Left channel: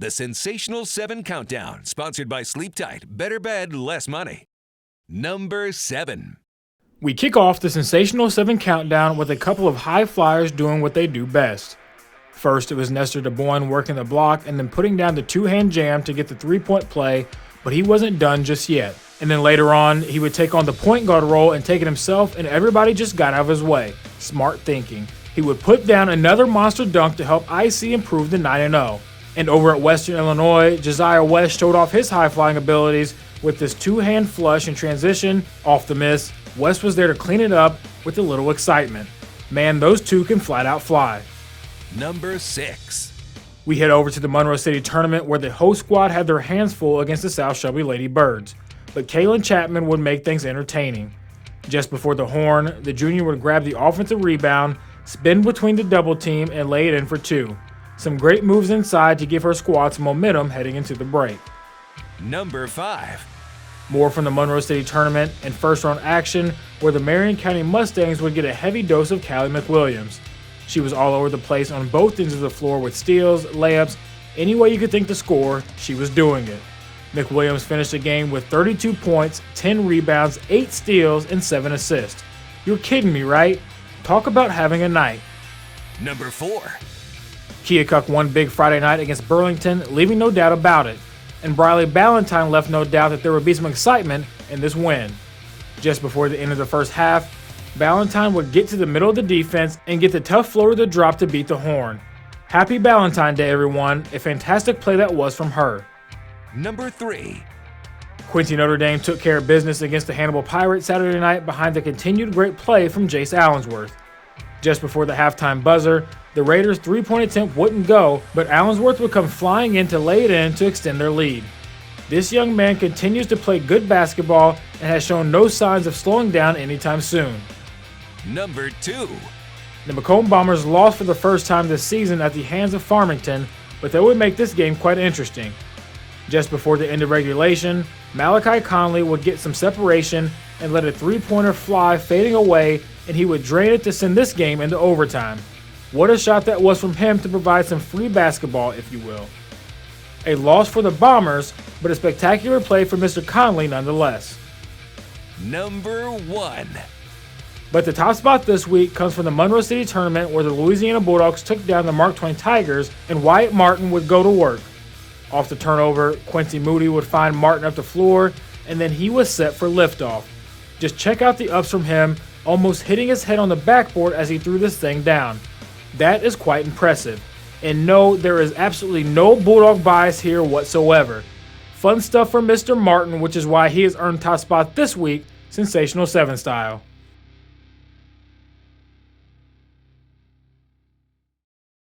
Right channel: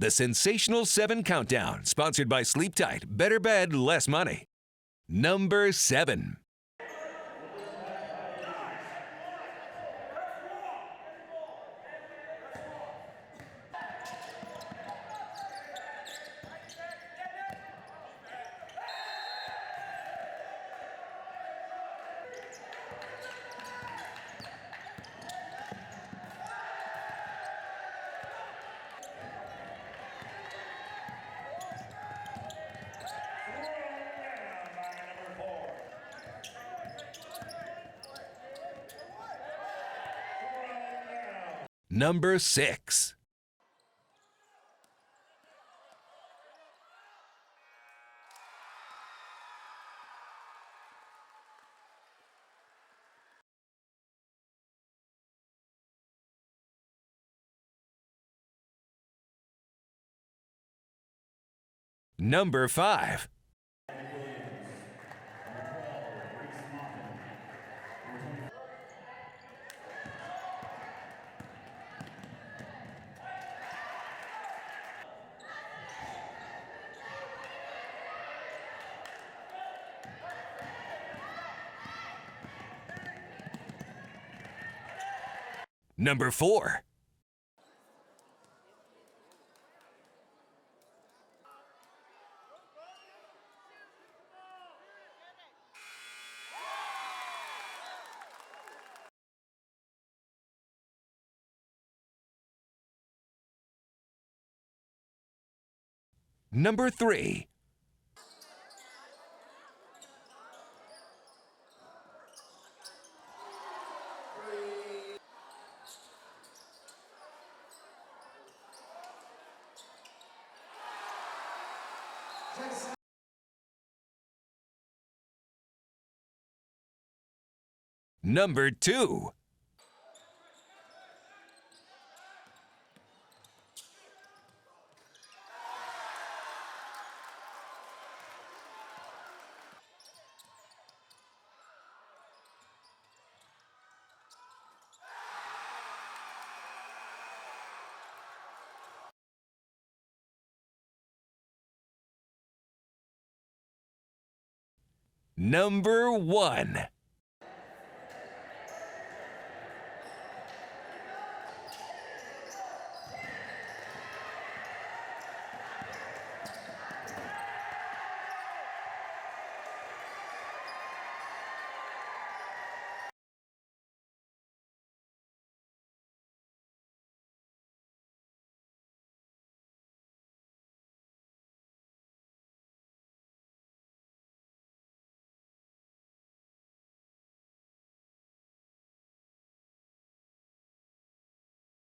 The Sensational 7 Countdown, sponsored by Sleep Tight, better bed, less money. Number 7. We kick off the Sensational 7 Countdown with a couple of high flyers doing what they do best. First, it was Nestor DeBoyne working the block and then putting down the two-hand jam to get the three-point play, but he wasn't done just yet. And then later on, he would take on the point guard role and take it himself, and everybody just got out of his way. Smart thinking. He would put down another monster dunk to help IC improve to 9-0. And over at Western Illinois, Josiah West showed off his high-flying abilities with this two-hand flush in transition off the miss. West was there to clean it up with a little excitement. Man, those two can flat-out fly. Number 6. We head over to the Monroe City tournament where the host squad had their hands full against the South Shelby Lady Birds. But Kaylin Chapman would make things entertaining. Just before the horn, the junior would grab the offensive rebound, spin between the double team, and lay it in for two. Some great moves inside to give her squad some momentum heading into the break. Number 5. More from the Monroe City tournament and first round action where the Marion County Mustangs would get a heavy dose of Callie McWilliams. She was all over the place on both ends of the floor with steals, layups, any way you could think to score, she was doing it. McWilliams finished the game with 32 points, 10 rebounds, 8 steals, and 7 assists. You're kidding me, right? Talk about having a night. Number 4. Keokuk won big Friday night against Burlington, leaving no doubt about it. And Briley Ballantyne left no doubt that there would be some excitement in this win. Just before the end of the first half, Ballantyne would get to the middle of the defense and get the tough floater to drop to beat the horn. Happy Ballantyne Day, everyone. A fantastic play that was from her. Number 3. Quincy Notre Dame took care of business against the Hannibal Pirates Saturday night behind the continued great play from Jace Allensworth. Just before the halftime buzzer, the Raiders' three-point attempt wouldn't go, but Allensworth would come flying in to lay it in to extend their lead. This young man continues to play good basketball and has shown no signs of slowing down anytime soon. Number 2. The Macomb Bombers lost for the first time this season at the hands of Farmington, but that would make this game quite interesting. Just before the end of regulation, Malachi Conley would get some separation and let a three-pointer fly fading away, and he would drain it to send this game into overtime. What a shot that was from him to provide some free basketball, if you will. A loss for the Bombers, but a spectacular play for Mr. Conley nonetheless. Number 1. But the top spot this week comes from the Monroe City tournament where the Louisiana Bulldogs took down the Mark Twain Tigers and Wyatt Martin would go to work. Off the turnover, Quincy Moody would find Martin up the floor, and then he was set for liftoff. Just check out the ups from him, almost hitting his head on the backboard as he threw this thing down. That is quite impressive. And no, there is absolutely no Bulldog bias here whatsoever. Fun stuff from Mr. Martin, which is why he has earned top spot this week, Sensational 7 style.